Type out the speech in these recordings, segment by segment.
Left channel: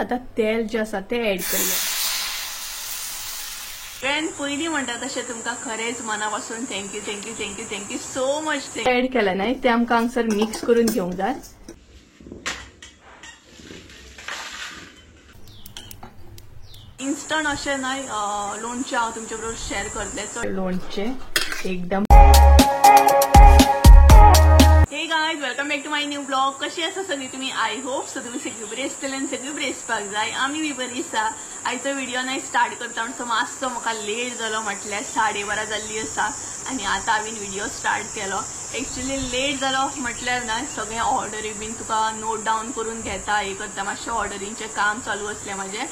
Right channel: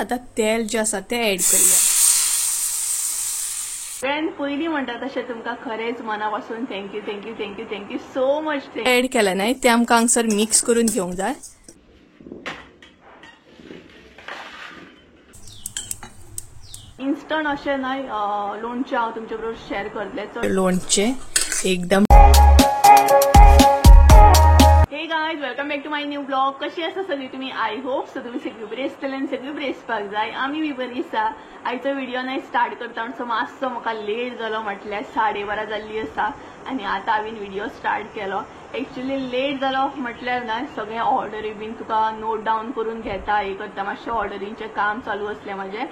आता तेल जे आसा ते ऍड करूया। फ्रेंड पयलीं म्हणटा तशें तुमकां खरेंच मनापासून thank you thank you thank you thank you so much. Add केला नाही ते आमकां हांगसर मिक्स करून घेवंक जाय। इन्स्टंट अशें न्हय लोणचें हांव तुमचे बरोबर शेअर करतलें। लोणचें एकदम हे guys welcome back to my new blog. कशी आसा सगळी तुमी? आय होप सो तुमी सगळी बरी आसतली आनी सगळी बरी आसपाक जाय। आमी बी बरी आसा। आयचो व्हिडिओ न्हय स्टार्ट करता म्हणसर मातसो म्हाका लेट जालो, म्हटल्यार 12:30 जाल्ली आसा आनी आतां हांवें व्हिडिओ स्टार्ट केलो। एक्चुअली लेट जालो म्हटल्यार न्हय सगळे ऑर्डरी बीन तुका नोट डावन करून घेता, हे करता, मातशें ऑर्डरींचें काम चालू आसलें म्हजें,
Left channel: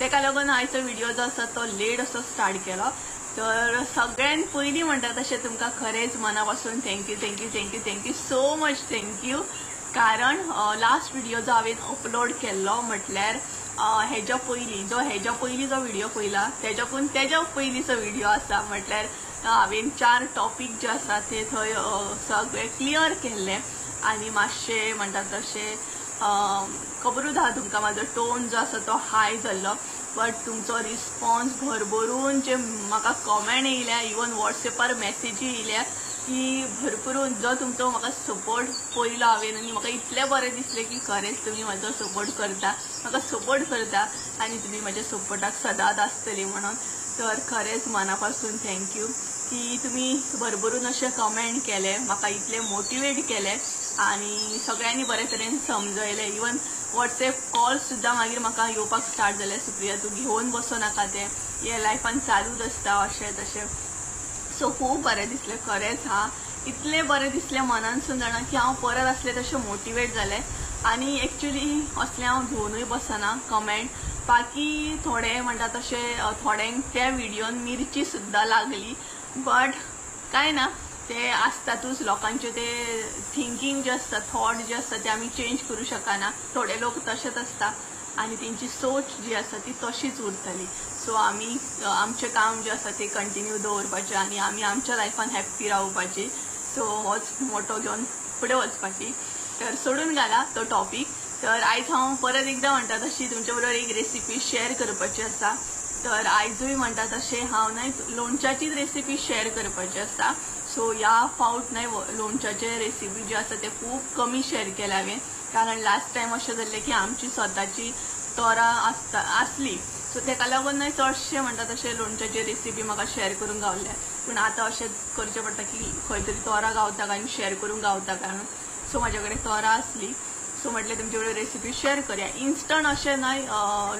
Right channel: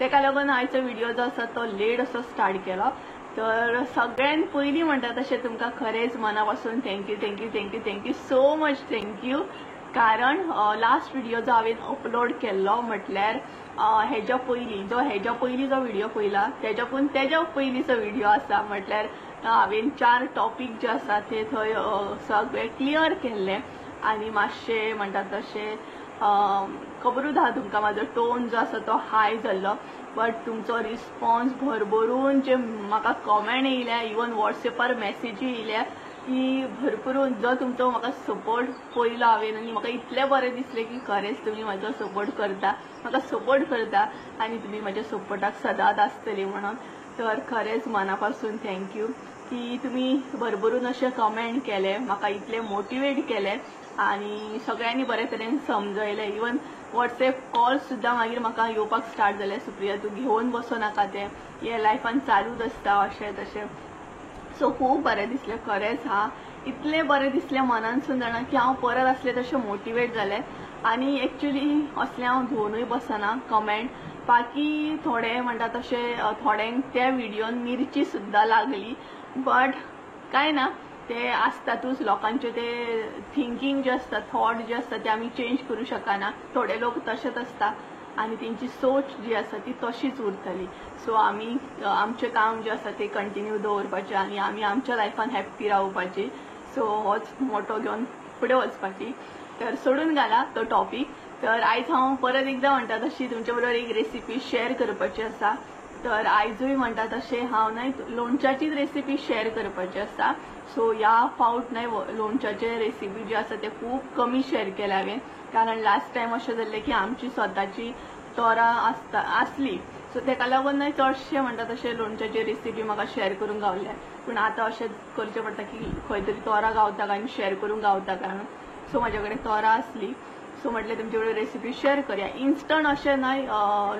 तेका लागून आयचो व्हिडिओ जो आसा तो लेट असो स्टार्ट केलो। तर सगळ्यात पयलीं म्हणटा तशें तुमकां खरेंच मनापासून thank you thank you thank you thank you so much thank you. कारण लास्ट व्हिडिओ जो हांवें अपलोड केल्लो म्हटल्यार हेज्या पयलीं जो व्हिडिओ पयला तेज्या पयलींचो व्हिडिओ आसा, म्हटल्यार हांवें 4 टॉपिक जे आसा ते थंय सगळे क्लियर केल्ले आनी मातशें म्हणटा तशें खबरूच आहा तुमकां म्हाजो टोन जो आसा तो हाय जाल्लो, बट तुमचो रिस्पॉन्स भरभरून जे म्हाका कमेंट येयल्या, इवन वॉट्सएपार मेसेजी येयल्या की भरभरून जो तुमचो म्हाका सपोर्ट पयलो हांवें आनी म्हाका इतलें बरें दिसलें की खरेंच तुमी म्हाजो सपोर्ट करता, म्हाका सपोर्ट करता आनी तुमी म्हाज्या सपोर्टाक सदांच आसतली म्हणून। तर खरेंच मनापासून थँक्यू की तुमी भरभरून अशें कमेंट केले, म्हाका इतले मोटिवेट केले आनी सगळ्यांनी बरे तरेन समजयले। इवन वॉट्सएप कॉल सुद्दां मागीर म्हाका येवपाक स्टार्ट जाले, सुप्रिया तूं घेवन बसो नाका, तें हे लायफान चालूच आसता अशें तशें। सो खूब बरें दिसलें खरेंच। इतलें बरें दिसलें मनानसून जाणा की हांव परत आसलें तशें मोटिवेट जालें आनी एक्चुअली असलें हांव घेवनूय बसना कमेंट। बाकी थोडे म्हणटा तशें थोड्यांक त्या व्हिडिओन मिरची सुद्दां लागली, बट कांय ना, ते आसतातूच लोकांचे ते थिंकींग जे आसता, थॉट जे आसता ते आमी चेंज करूं शकना। थोडे लोक तशेंच आसता आनी तेंची सोच जी आसा ती तशीच उरतली। सो आमी आमचें काम जे आसा ते कंटिन्यू दवरपाचें आनी आमी आमच्या लायफान हॅप्पी रावपाची। सो होच मोटो घेवन फुडें वचपाची। तर सोडून घाला तो टॉपिक। तर आयज हांव परत एकदां म्हणटा तशी तुमचे बरोबर एक रेसिपी शेअर करपाची आसा। तर आयजूय म्हणटा तशें हांव न्हय लोणच्याचीच रेसिपी शेअर करपाची आसा। सो ह्या फावट न्हय लोणच्याचे रेसिपी जी आसा ते खूब कमी शेअर केल्या हांवें, कारण लास्ट टायम अशें जाल्लें की आमची स्वताची तोरां आसली, सो तेका लागून न्हय चडशें म्हणटा तशें लोणच्याची रेसिपी म्हाका शेअर करूंक गावले। पूण आतां अशें करचें पडटा की खंय तरी तोरां गावता काय आनी शेअर करूंक गावता कारण, सो म्हाजे कडेन तोरां आसली, सो म्हटलें तुमचे बरोबर रेसिपी शेअर करूया। इन्स्टंट अशें न्हय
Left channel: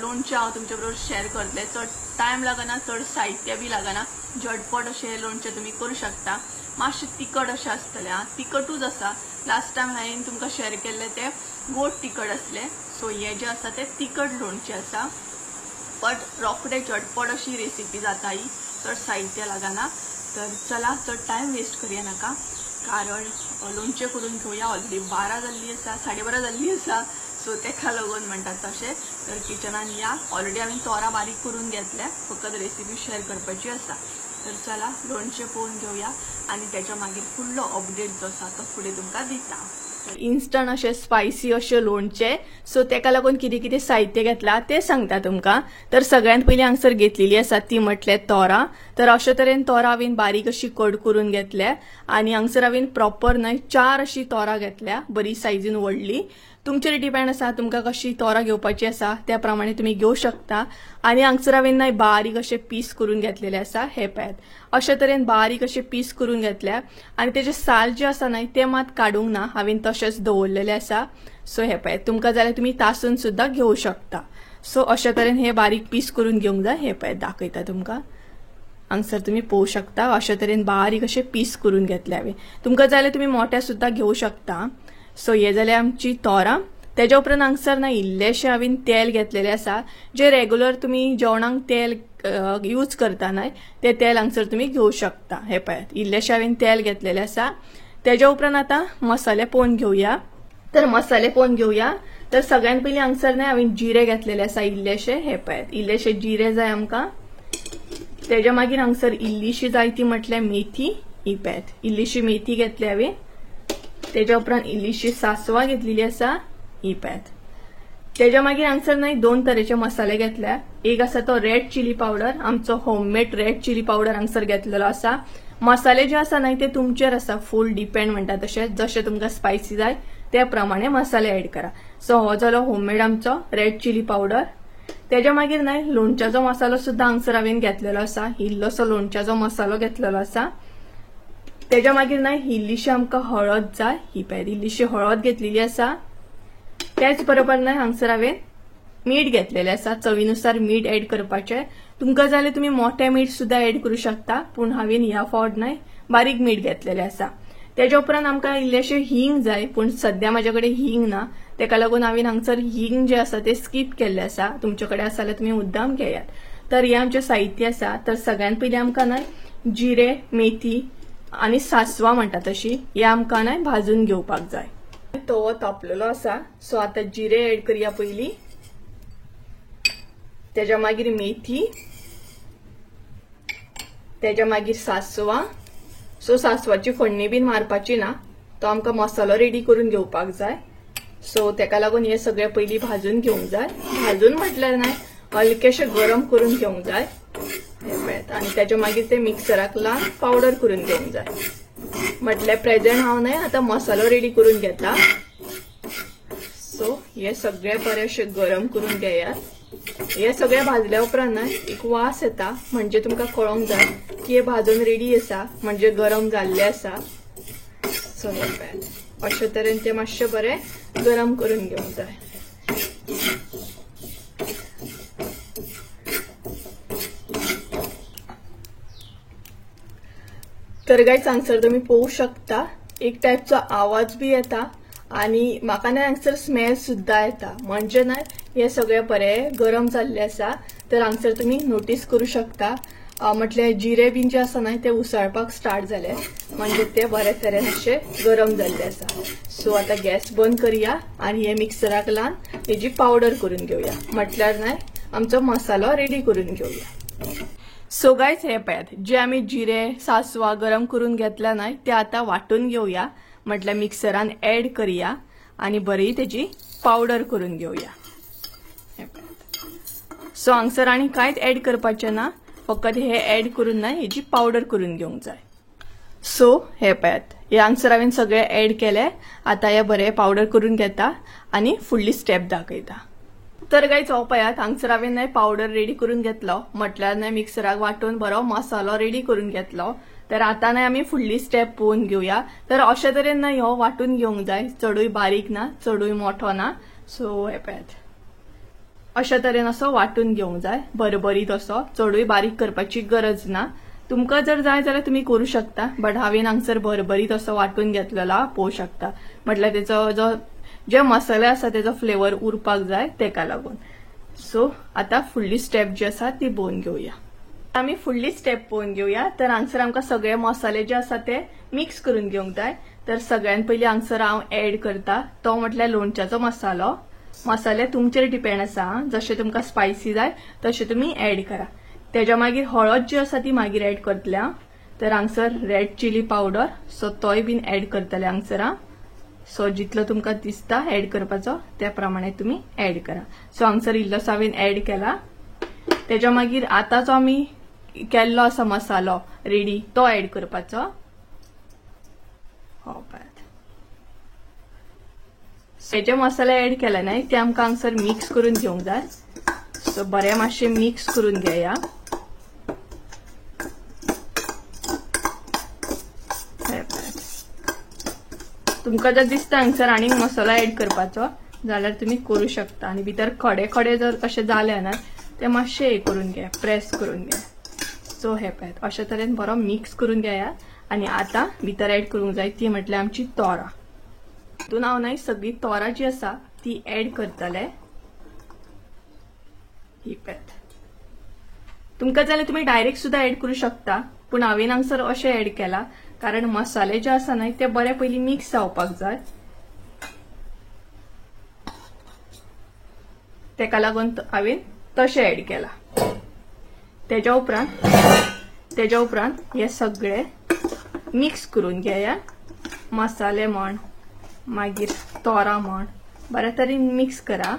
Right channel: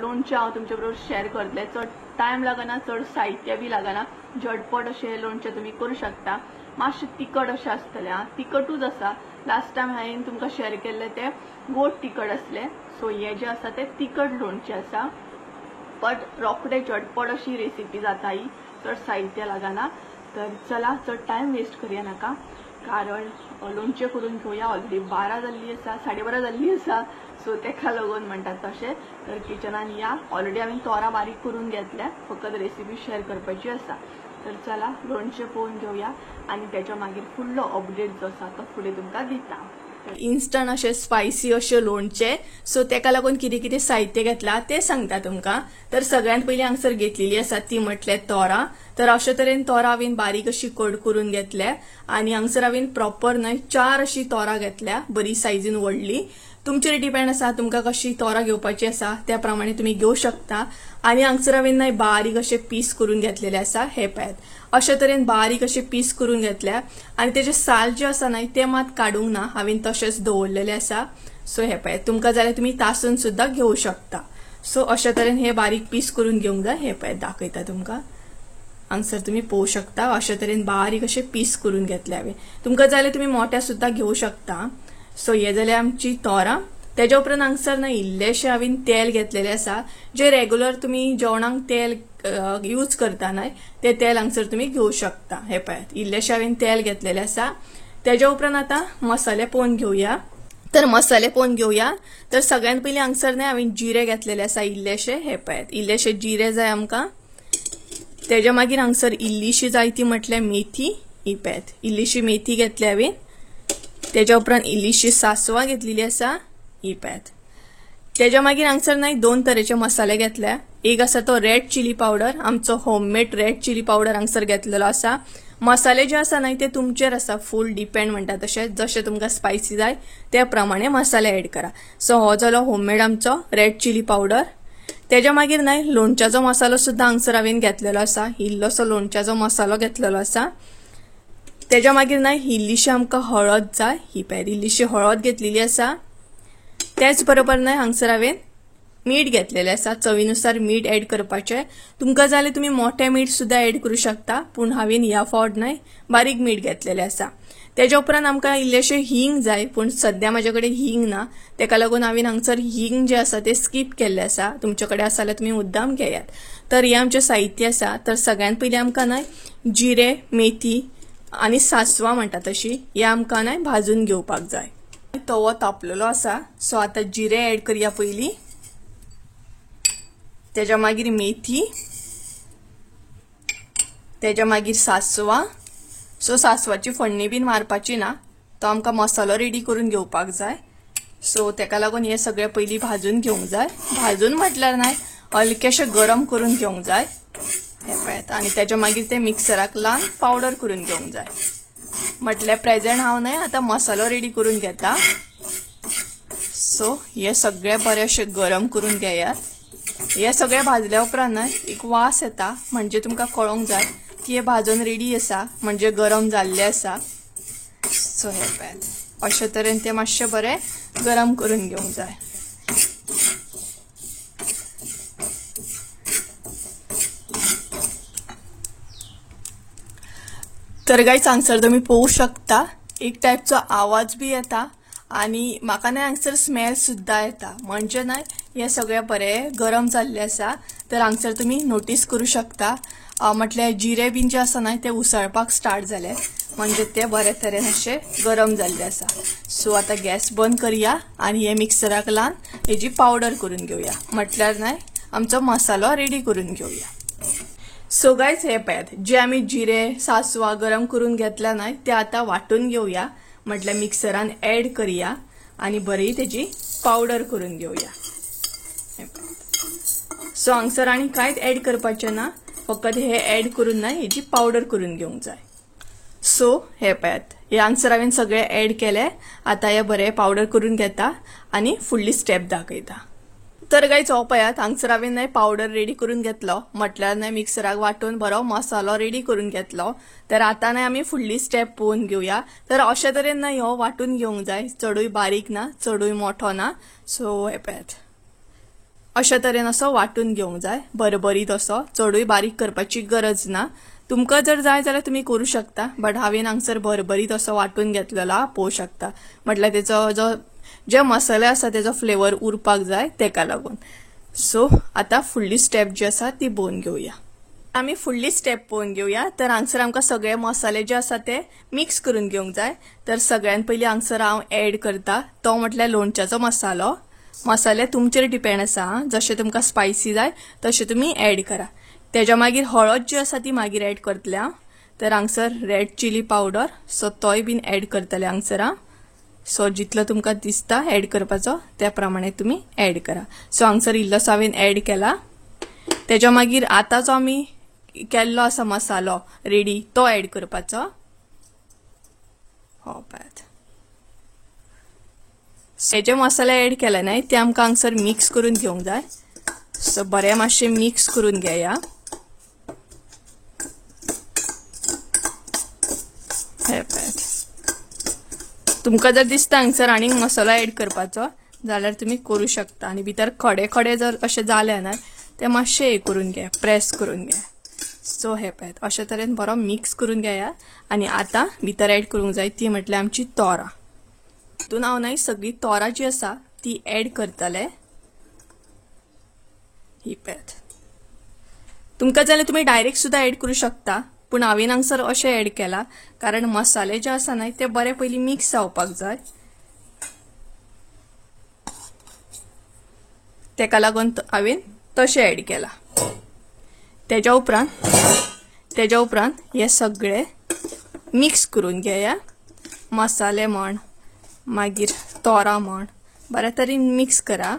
लोणचें हांव तुमचे बरोबर शेअर करतलें, चड टायम लागना, चड साहित्य बी लागना, झटपट अशें लोणचें तुमी करूं शकता। मातशें तिखट अशें आसतलें, तिखटूच आसा। लास्ट टायम हांवें तुमकां शेअर केल्लें तें गोड तिखट आसलें, सो हें जें आसा तें तिखट लोणचें आसा, बट रोखडें झटपट अशी रेसिपी जाता ही, चड साहित्य लागना। तर चला चड टायम वेस्ट करूया नाका, कारण लोणचें करून घेवया। ऑलरेडी 12 जाल्ली आसा, 12:30 जाल्ली आसा, सो तेका लागून म्हणटात तशें। तर किचनान या, ऑलरेडी हांवें तोरां बारीक करून घेतल्या, फकत रेसिपी शेअर करपाची आसा। तर चला लोणचें पळोवन घेवया आनी तेच्या मागीर फुडलो अपडेट जो आसा तो फुडें तुमकां दिता। इन्स्टंट अशें स्पायसी अशें लोणचें, सो तेका लागून कितें कितें साहित्य घेतला ते सांगता तुमकां। तर सगळ्यांत पयलीं हांगसर घेतलेली आसा ती म्हटल्यार तोरां। तर अशे तरेन तोरां हांवें बारीक अशी कट करून घेतल्या आनी हांगसर हांवें प्रॉपर न्हय 4 अशी तोरां घेतल्या, बरी सायजीन व्हडली। तुमचेर डिपेंड आसा तुमकां कशी तोरां घेवपाची आसा त्या प्रमाणे तुमी घेवं शकता। आनी हांगसर हांवें न्हय बारीक अशे पीस करून घेतलेले आसा, हे पळयात अशे तरेन बारीक अशे पीस करून घेतल्या आनी तेजे साल जे आसा न्हय ते मात काडूंक ना, हांवें तशेंच दवरलेले आसा। सो हे पळयात, तुमकां जाल्यार तुमी तासून सुद्दां घेवं शकता। सो अशे तरेन हे बारीक पीस करून घेवंक जाय, हे पळयात दाखयता तुमकां, हांगसर तुमी पळोवं शकता अशे तरेन बारीक अशे पीस करून घेतले हांवें। तुमकां जाल्यार तुमी मोठे सुद्दां घेवं शकता। सो हे जाल्यार आमची तोरां। तेज्या उपरांत हांगसर न्हय इल्लेशें हांवें तेल घेतलेलें आसा, जे रेग्युलर तुमी जेवणाक तेल यूज करता न्हय ते तेल हांगसर तुमी घेवं शकता। हे पळयात इल्लेशें हांवें तेल घेतलेलें आसा। तेज्या उपरांत आतां मसाले पळोवन घेवया। तर मसाले पळोवन घेवया। तर सगळ्यांत पयलीं हांगसर न्हय हांवें जिरे घेतलेले आसा इल्लेशे, हे पळयात इल्लेशे जिरे जाय आमकां। तेज्या मागीर हांगसर इल्लीशी जाय ती म्हटल्यार मेथी, ही पळयात इल्लीशी मेथी घेतली हांवें। तेज्या उपरांत इल्लीशी सासवां घेतलेली आसा, ही पळयात। त्याच्या मागीर हांगसर नाही 2 तरेचे मसाले घेतल्या. एक आसा तो रेड चिली पावडर, आमचो होममेड रेड चिली पावडर हांगसर घेतलेलो आसा. मसाले जे आसा नाही ते तुमचेर आसा, फुल डिपेंड म्हणटा तशें, जशें तुमकां स्पायसी जाय त्या प्रमाणे मसाले ऍड करा. सो हो जालो होममेड आमचो रेड चिली पावडर. त्याच्या मागीर नाही लोणच्याचो मसालो सुद्धा हांगसर हांवें घेतलेलो आसा. इल्लोसो लोणच्याचो मसालो घेतलेलो आसा. त्याच्या मागीर नाही इल्लीशी आमकां हळद जाय, ही पळय इल्लीशी हळद घेतलेली आसा. त्याच बरोबर नाही हांगसर हांवें मीठ घेतलेलें आसा. चवीनुसार मीठ ऍड करपाचें. तुमकां जाल्यार तुमी मोठें मीठ सुद्धा ऍड करूं शकता, पूण हांवें ह्या फावट नाही बारीक मीठ घेतलेलें आसा. त्याच्या उपरांत आमकां इल्लेशें हींग जाय, पूण सद्या म्हाजे कडेन हींग ना, तेका लागून हांवें हांगसर हींग जे आसा ते स्कीप केल्लें आसा. तुमचे कडेन आसा जाल्यार तुमी मुद्दाम घेयात. तर हे आमचें साहित्य आसा. तर सगळ्यांत पयलीं आमकां नाही जिरे, मेथी आनी सासवां म्हणटा तशी हे आमकां नाही भाजून घेवपाक जाय. तवो तापलेलो आसा. सो आतां जिरे ऍड करया पयलीं. त्याच्या मागीर मेथी, त्याच्या मागीर सासवां. सो सासवाची फोडणी बीन मारपाची ना, तो आमकां मसालो रेडी करून घेवपाक जाय. सो तेका लागून हे सगळे पयलीं भाजून घेवंक जाय. भाजून म्हटल्यार नाही हलकेशें गरम करून घेवंक जाय. आणि त्याच्या मागीर ते मिक्सराक लावन पावडर करून घेवंक जाय. म्हटल्यार प्रेझेंट हांव नाही आता मसालो रेडी करून घेता. सो हे सगळे बरेशे गरम करून घेयात. हे सगळे भाजल्या उपरांत एक वास येता, म्हणजे तुमकां कळोंक जाय की हे भाजून रेडी आसा, म्हणजे गरम जाल्ले आसा. सो हे पळय अशे तरेन ते मातशे बरे गरम करून घेवंक जाय. तर गायज हांगसर तुम्ही पळोवंक शकता एक टायपचो आवाज बी येता आणि म्हाका नाही हांगसर स्मेल सुद्धा येता. म्हणजे नाही हे सगळे बरे गरम जाल्ले आसा. तर हांगसर तुम्ही नोटीस करू शकता म्हटल्यार जिरे बीन जे आसा ना ते उसळपाक स्टार्ट जाले, म्हणजे ते बरे तरेन अशे गरम जाल्ले आसा. सो आता गॅस बंद करया आणि हे मिक्सराक लावन हेजी पावडर करून घेवया. म्हटल्यार नाही आमचो मसालो रेडी करून घेवया. सो गायज हे पळयात, जे आम्ही जिरे सासवा गरम करून घेतला नाही ते आता वाटून घेवया. म्हटल्यार मिक्सरान ऍड करूया आणि बरी त्याची पावडर करून घेवया. सो हांगसर आणि कांयच ऍड करपाचें ना, फकत हे ऍड करून ना हेची पावडर करून घेवंक जाय. सो हे पळयात, हे हांगसर हांवें सगळे ऍड केले. आता हे बरे पावडर करून घेता आणि फुडली स्टेप दाखयता. तर गायज हो पळयात, हांगसर हांवें नाही पावडर रेडी करून घेतलो. म्हटल्यार नाही मिक्सराक वाटून बरो मसालो रेडी करून घेतलो. तर आता नाही आम्ही फुडली स्टेप पळोवन घेवया. तर अशे तरेन नाही हो वाटून घेवंक जाय, चडूय बारीक ना चडूय मोठो ना. सो हे पळयात अशे तरेन असो वाटून घेवंक जाय, बरबरीत असो. चडूय बारीक करपाची गरज ना. तुमकां जर जाय जाल्यार तुम्ही करू शकता, बट हांवें हांगसर बरबरीत असो वाटून घेतलेला पळोवंक शकता. म्हटल्यार तेचो जो जे मसाले आसा तेजो फ्लेवर उरपाक जाय तेका लागून. सो आता फुडली स्टेप जी आसा ती पळोवन घेवया. आम्ही फुडली स्टेप पळोवन घेवया. तर हांगसर आमकां सगळे मसाले जे आसा ते मिक्स करून घेवंक जाय. तर सगळ्यात पयलीं हांगसर हांव ऍड करता तो म्हटल्यार लोणच्याचो मसालो. मसाले तुमचेर डिपेंड आसा, जशे तुमकां स्पायसी जाय तशे तुम्ही ऍड करा. तेच्या मागीर हळद जी आसा ती मागीर ऍड करतले हांव. तर हांगसर रेड चिली पावडर, सो तोय बीन ऍड करतले हांगसर हांव. सो जितलो तुमकां दिसता ऍड करपाचो त्या प्रमाणे तुम्ही ऍड करा. सो हांगसर इल्लोसो हांवें ऍड केला. तेच्या मागीर आता जो आमी केल्लो आसा मसालो रेडी तो ऍड करपाचो. हो पळयात, जे मसाले ऍड केले नाही ते आमकां हांगसर मिक्स करून घेवंक जाय. सो बरे मातशे मिक्स करून घेया. तुमकां जर दिसता हांगसर आनी मसालो ऍड करपाचो जाल्यार तुम्ही करू शकता. आणि भितर खडे खडे जर अशे जाले ना ते मातशे हे करून घ्या, प्रेस करून घ्या. सो हे पळयात अशे तरेन बरो मिक्स करून घेया. आणि आता भितर ऍड करूंक जाय ती म्हटल्यार आमची तोरां. तितून हांव नाही सगळी तोरां जी आसा ती ऍड करतले. ही पळयात, तुमकां जाल्यार तुम्ही डायरेक्ट सुद्धा ऍड करू शकता, पण हांवें हांगसर अशें ऍड केला कारण मसाले जे आसा न्हय ते बरे पयलीं मिक्स जावपाक जाय. तेका लागून हांवें तशें ऍड केला. तेच्या उपरांत हे सगळे मिक्स करून घेया. मसाले म्हण मागीर तोरां म्हण बऱ्या तरेन मिक्स करा.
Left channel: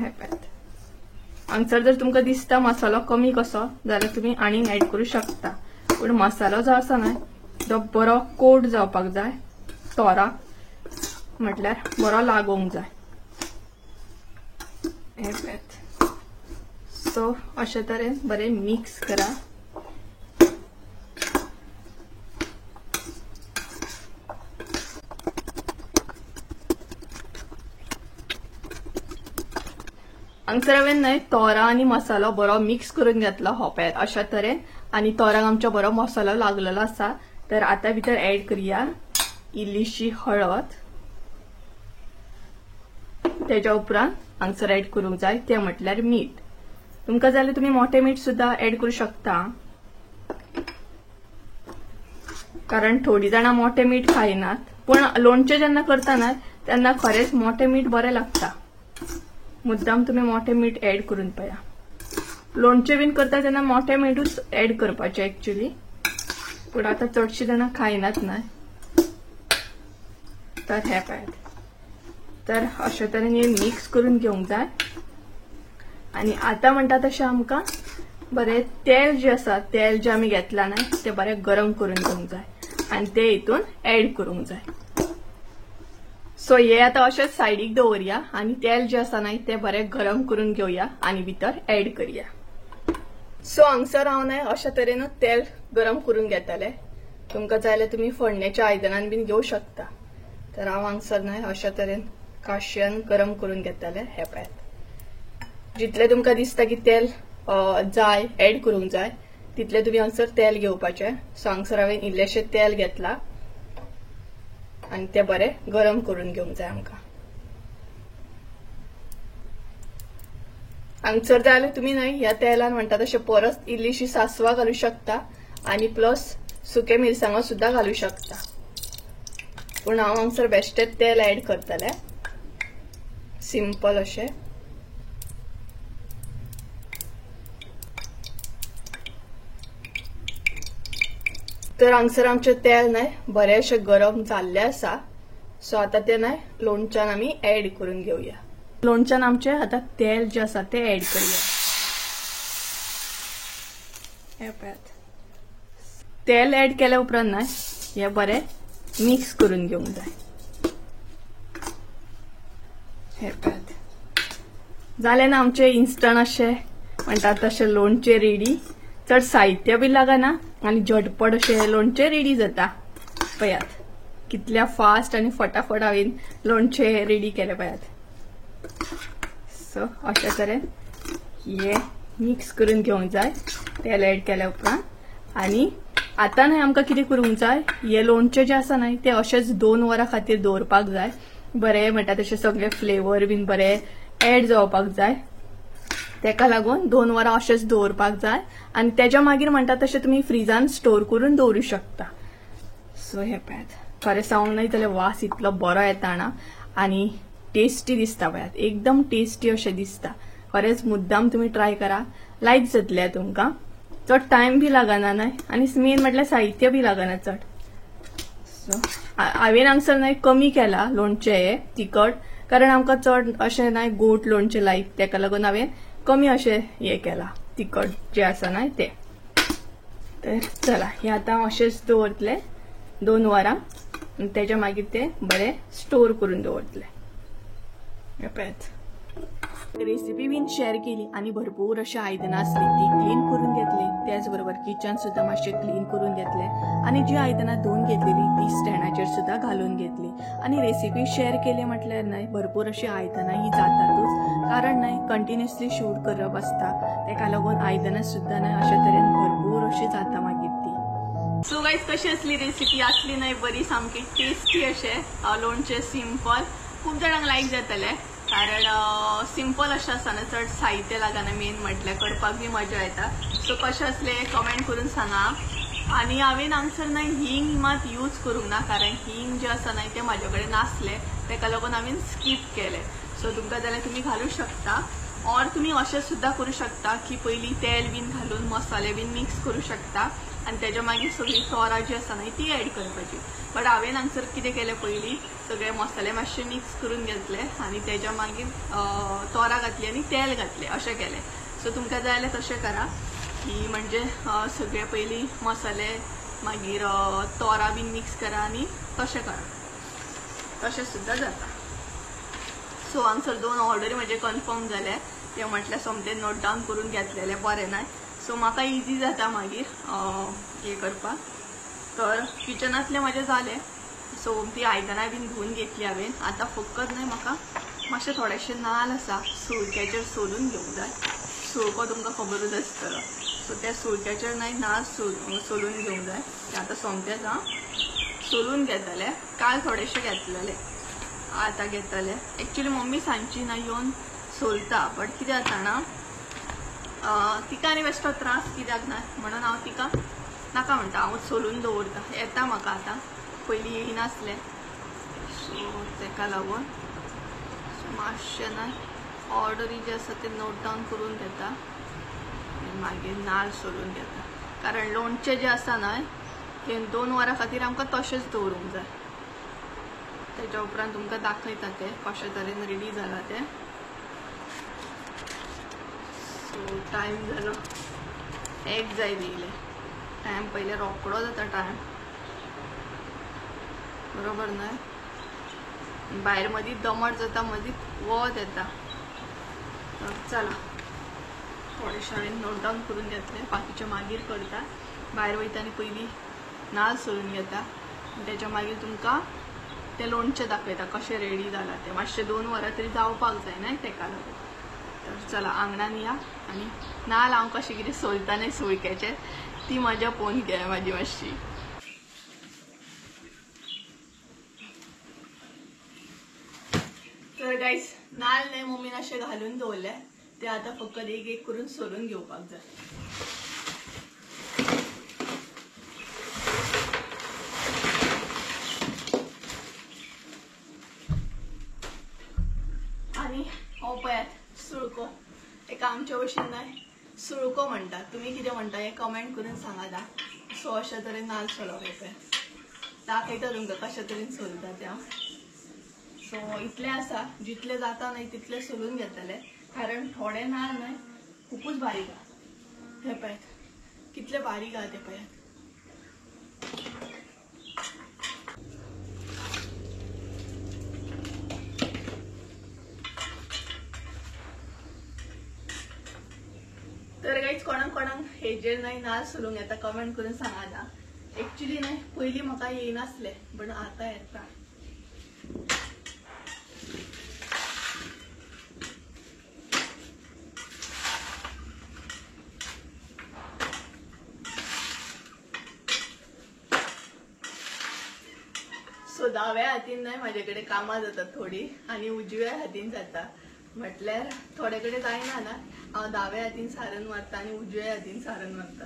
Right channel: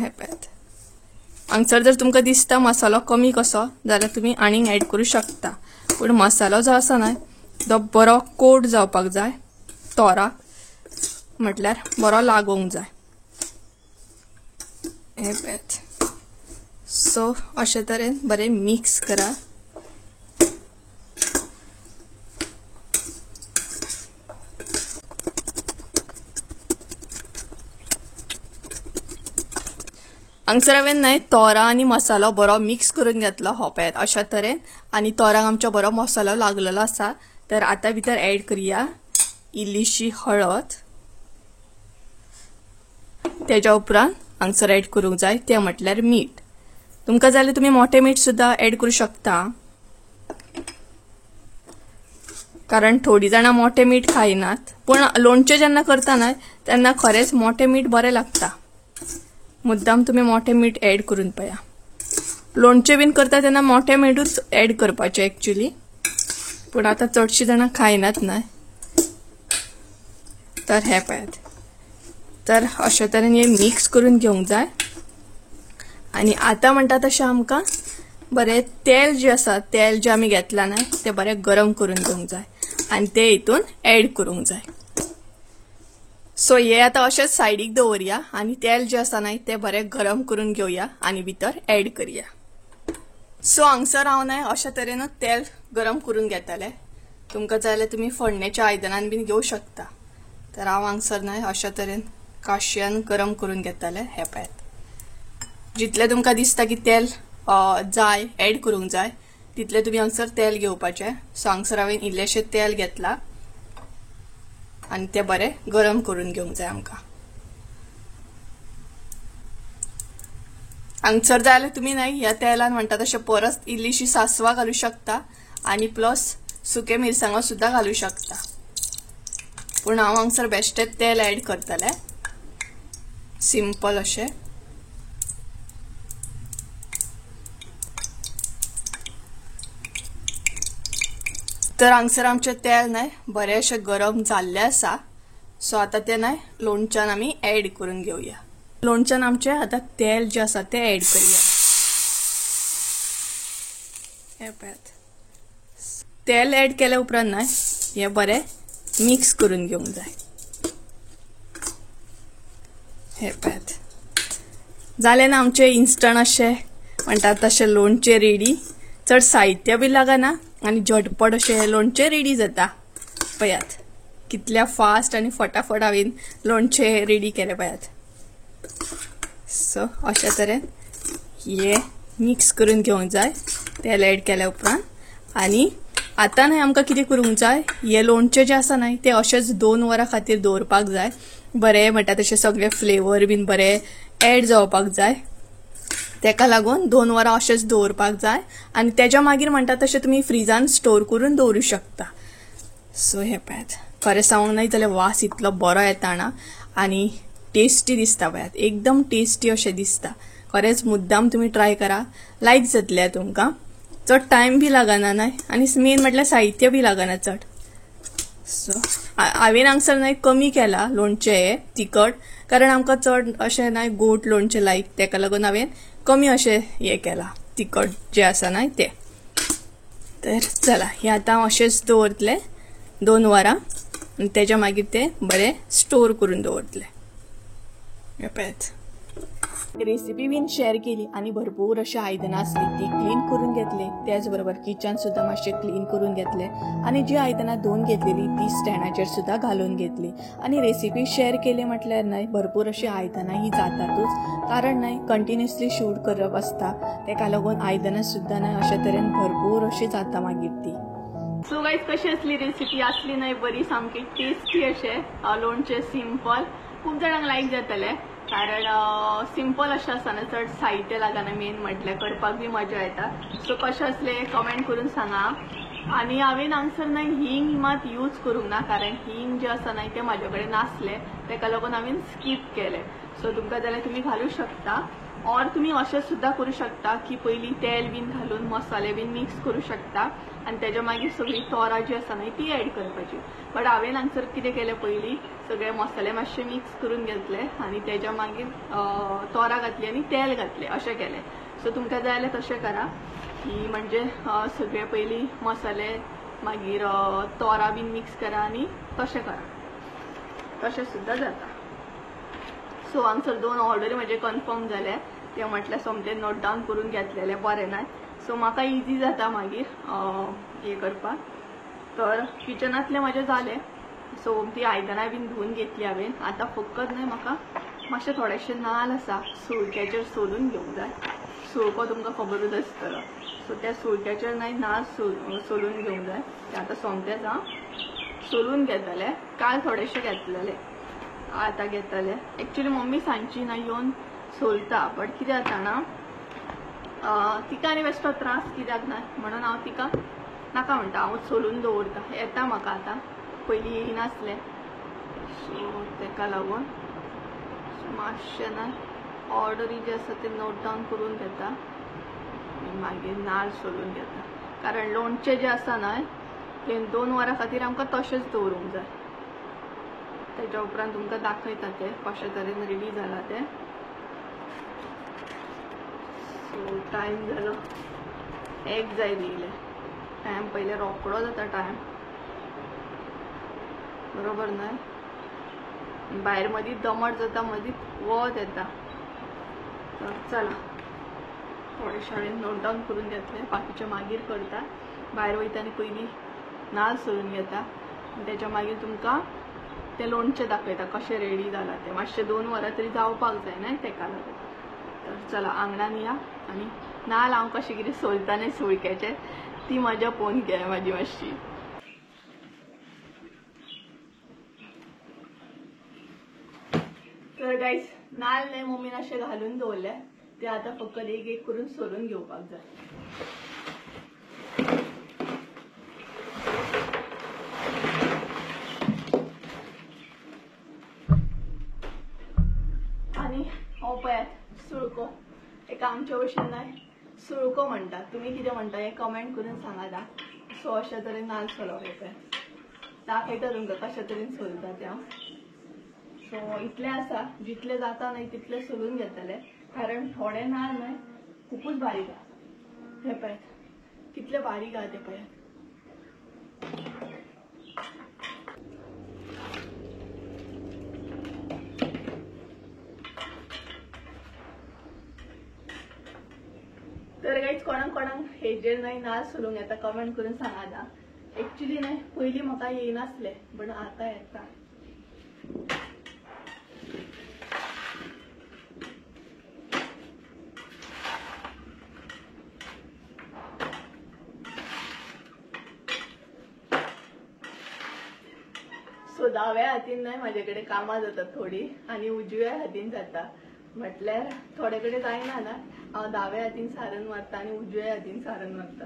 हे पळयात हांगसर जर तुमकां दिसता मसालो कमी कसो जाल्यार तुमी आनीक ऍड करूं शकता, पूण मसालो जो आसा न्हय तो बरो कोट जावपाक जाय, तोरा म्हटल्यार बरो लागूंक जाय। हे पळयात सो अशे तरेन बरें मिक्स करा। हांगसर हांवें न्हय तोरा आनी मसालो बरो मिक्स करून घेतलो हो पळयात अशा तरेन, आनी तोरांक आमचो बरो मसालो लागलेलो आसा। तर आता भितर ऍड करूया इल्लीशी हळद, तेच्या उपरांत हांगसर ऍड करूंक जाय ते म्हटल्यार मीठ। तुमकां जाल्यार तुमी मोठे मीठ सुद्धा ऍड करूं शकता, कारण थोडी जाणां मोठे मीठ खायनात, पण लोणचें जेन्ना करता न्हय तेन्ना खरेंच मोठे मीठ बरें लागता। मुद्दाम तुम्ही मोठे मीठ ऍड करून पळया। लोणचें बीन करता तेन्ना मोठे मीठूच ऍड करपाचें एक्चुअली, पण आता चडशीं जाणां खायनात न्हय, तर हे पळयात। तर अशे तरेन हे मिक्स करून घेवंक जाय। आनी आता म्हणटा तशें आमकां बरें तेल जे आसा, तेल जे आमी घेतला न्हय ते बरें गरम करून घेवंक जाय आनी ते हितून ऍड करूंक जाय। सो हे आता अशेंच सायडीक दवरया आनी तेल जे आसा न्हय ते बरें गरम करून घेवया आनी भितर ऍड करया। सो हांगसर हांव न्हय अशा तरेनूच तेल गरम करून घेतले। तुमकां जाय जाल्यार तुमी फोडण्याच्या आयदनान बीन घेवं शकता। तर हांव हांगसर न्हय अशा तरेन काशयान गरम करून घेतले। हे पळयात जितले तुमकां दिसता की तेल जाय ऍड करूंक जाय तितले तुमी हांगसर तेल घेवपाचें। सो हांगसर हांवें इल्लेशें तेल घेतला आनी ते बरें गरम करून घेवंक जाय आमकां। हांगसर जाल्यार तुमी न्हय ह्या तेलान म्हणटा तशें परस इल्लीशी सासवां घालूं शकता आनी प्लस सुके मिरसांगो सुद्दां घालूं शकता, पूण हांव हांगसर बेश्टें तेल ऍड करतलें सिंपल अशें। तर हांगसर आमचें तेल न्हय बरेंशें गरम जाल्लें आसा। सो आता ते न्हय लोणच्यान आमी ऍड करून घेवया। लोणच्यान आमचें आता तेल जे आसा ते ऍड करूया। हे पळयात तेल ऍड केल्या उपरांत न्हय हे बरें मिक्स करून घेवंक जाय। हे पळयात जालें ना आमचें इन्स्टंट अशें म्हणटात तशें लोणचें रेडी। चड साहित्य बी लागना आनी झटपट अशें लोणचें रेडी जाता। पळयात कितल्या फास्ट आनी फटाफट हांवें लोणचें रेडी केलें पळयात। सो अशा तरेन हे मिक्स करून घेवंक जाय तेल ऍड केल्या उपरांत। आनी आतां न्हय आमकां कितें करूंक जाय, हे लोणचें जें आसा न्हय तें अशेंच 2 वरां खातीर दवरपाक जाय। बरें म्हणटा तशें सगळे फ्लेवर बीन बरें ऍड जावपाक जाय, तेका लागून 2 वरां अशेंच दवरपाक जाय आनी तेच्या मागीर म्हणटा तशें तुमी फ्रिजान स्टोर करून दवरूं शकता। सो हे पळयात खरें सांगूंक न्हय जाल्यार वास इतलो बरो येता ना आनी टेस्टी दिसता पळयात, एकदम टेस्टी अशें दिसता। खरेंच मुद्दाम तुमी ट्राय करा, लायक जातलें तुमकां। चड टायम बी लागना न्हय आनी मेन म्हटल्यार साहित्य बी लागना चड। सो हांवें हांगसर न्हय कमी केला लोणचें हे तिखट, कारण आमकां चड अशें न्हय गोड लोणचें लायक, तेका लागून हांवें कमी अशें हे केला तिखट जें आसा न्हय तें। तर चला हे आतां हांव अशेंच दवरतलें 2 वरां आनी तेच्या मागीर ते बरें स्टोर करून दवरतलें। हे पळयात रेसिपी बीन शेअर केली आनी भरपूर अशी आयदनां आसली ती क्लीन करून घेतली। त्याच बरोबर किचन सुद्धा मातशें क्लीन करून घेतलें आनी जी आयदनां धुवन घेतलेली ती स्टँडाचेर सुद्धा घालून घेतली। आनी रेसिपी शेअर केली म्हटल्यार न्हय भरपूर अशी आयदनां ही जातातूच, कारण न्हय कंटिन्युअसली शूट करप आसता, तेका लागून आयदनां सुद्धा न्हय अशे तरेन भरपूर अशी जाता मागीर ती। सो गाइस कशी असली रेसिपी आसली न्हय बरी सामकी टेस्टी अशें लोणचें सिंपल, खूब जाणांक लायक जातलें, कारण सिंपल अशें आसा ना, चड साहित्य लागना, मेन म्हटल्यार करपाक बी मजा येता। सो कशें असलें कमेंट करून सांगा। आनी हांवें हांगसर न्हय हींग मात यूज करूंक ना, कारण हींग जें आसा न्हय तें म्हाजे कडेन नासलें, तेका लागून हांवें स्कीप केलें। सो तुमकां जाल्यार तुमी घालूं शकता। और तुम्ही अशें सुद्धा करू शकता की पयलीं तेल बीन घालून मसाले बीन मिक्स करू शकता आणि त्याच्या मागीर सगळी तोरां जी आसा न्हय ती ऍड करपाची. बट हांवें हांगसर कितें केलें, पयलीं सगळे मसाले मातशे मिक्स करून घेतले आणि त्याच्या मागीर तोरां घातली आणि तेल घातले अशें केलें. सो तुमकां जाय जाल्यार तशें करा की म्हणजे सगळे पयलीं मसाले मागीर तोरां बीन मिक्स करा आणि तशें करा, तशें सुद्धा जाता. सो हांगसर 2 ऑर्डरी म्हजे कन्फर्म जाले, ते म्हटल्यार सोमते नोट डावन करून घेतलेले बरें नाय. सो म्हाका इजी जाता मागीर हे करपाक. तर किचनातले म्हजे जाले. सो ती आयदनां बीन धुवून घेतली हांवें. आतां फकत न्हय म्हाका मातशे थोडेशे नाल्ल आसा सुळक्याचेर सोलून घेवंक जाय. सुळको तुमकां खबरूच आसतलो. सो त्या सुळक्याचेर न्हय नाल्ल सोलून घेवंक जाय. ते आतां सोमतेच हांव सोलून घेतले. काल थोडेशे घेतलेले, आतां घेतले. एक्चुअली मम्मी सांजची ना येवन सोलता, बट कितें जाता ना तिका आनी बेश्टो त्रास कित्याक ना म्हणून हांव तिका नाका म्हणटा, हांव सोलून दवरता. येता म्हाका आतां, पयलीं येयनासलें. सो तेका लागून मातशें ना ऑर्डरी जे आसा ते नोट डावन करून घेता आनी मागीर नाल्ल सोलून घेता. कारण लोणचें जें आसा न्हय तें 2 वरां खातीर आमकां तशेंच दवरूंक जाय. तेच्या उपरांत तुमकां दाखयता ते कशे तरेन रेडी जाला ते. सो टायम जालो 1 जाय दिले. टायम पयले रोकडो जाता टायम, बरोबर न्हय. भायर मदीं दमट जाता, मदीं वत येता. तर चला थोडेशे हांवें नोट डावन करून घेतले, बाकीचे मागीर करता. भायर वयताना पयलीं नाल्ल सोलून घेता, त्याच्या मागीर तुमकां ते लोणचें दाखयता कशें रेडी जाला ते. मातशे 2 वरां तरी जावपाक जाय न्हय तेका लागून. तर चला आंगणान या आनी नाल्ल हांव कशें कितें सोलता न्हय सुळक्याचेर ती मजा पळोवन घे म्हाजी मातशी. तर गायज नाल्ल न्हय मम्मीन अशें घालून दवरले, ते आतां फकत एक एक करून सोलून घेवपाक जाय. आणि हो पळयात सुळको, एका आमच्या भशेन न्हय सुळको म्हणटात. तुमी कितें म्हणटा हें कमेंट करून सांगात. सो अशे तरेन नाल्ल सोलप येता, दाखयता तुमकां कशे तरेन सोलता ते हांव. सो इतलें आसा, जितले जाता न्हय तितले सोलून घेतले. कारण थोडे नाल्ल न्हय खूपच बारीक आहा. हे पळयात कितले बारीक आहा ते पळयात. तर गाईज कोणाक हेजेर न्हय नाल्ल सोलूंक येता कमेंट करून सांगात. एक्चुअली न्हय पयलीं म्हाका येयनासलें, बट आतां येता. सो दाव्या हातीन न्हय म्हाजे कडेन कामां जातात थोडी आनी उजव्या हातीन जाता. म्हटल्यार थोडे कडेन जायना ना, हांव दाव्या हातीन सारण मारता आनी उजव्या हातीन सारण मारता.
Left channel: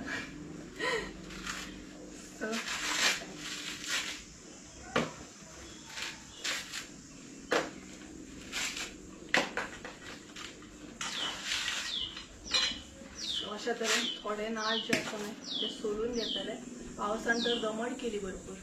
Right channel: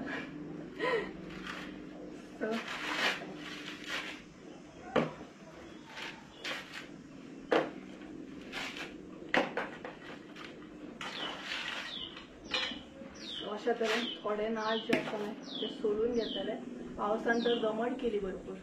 सो अशा तरेन थोडे नाल्ल जे आसा न्हय ते सोलून घेतले. पावसान तर दमट केली भरपूर.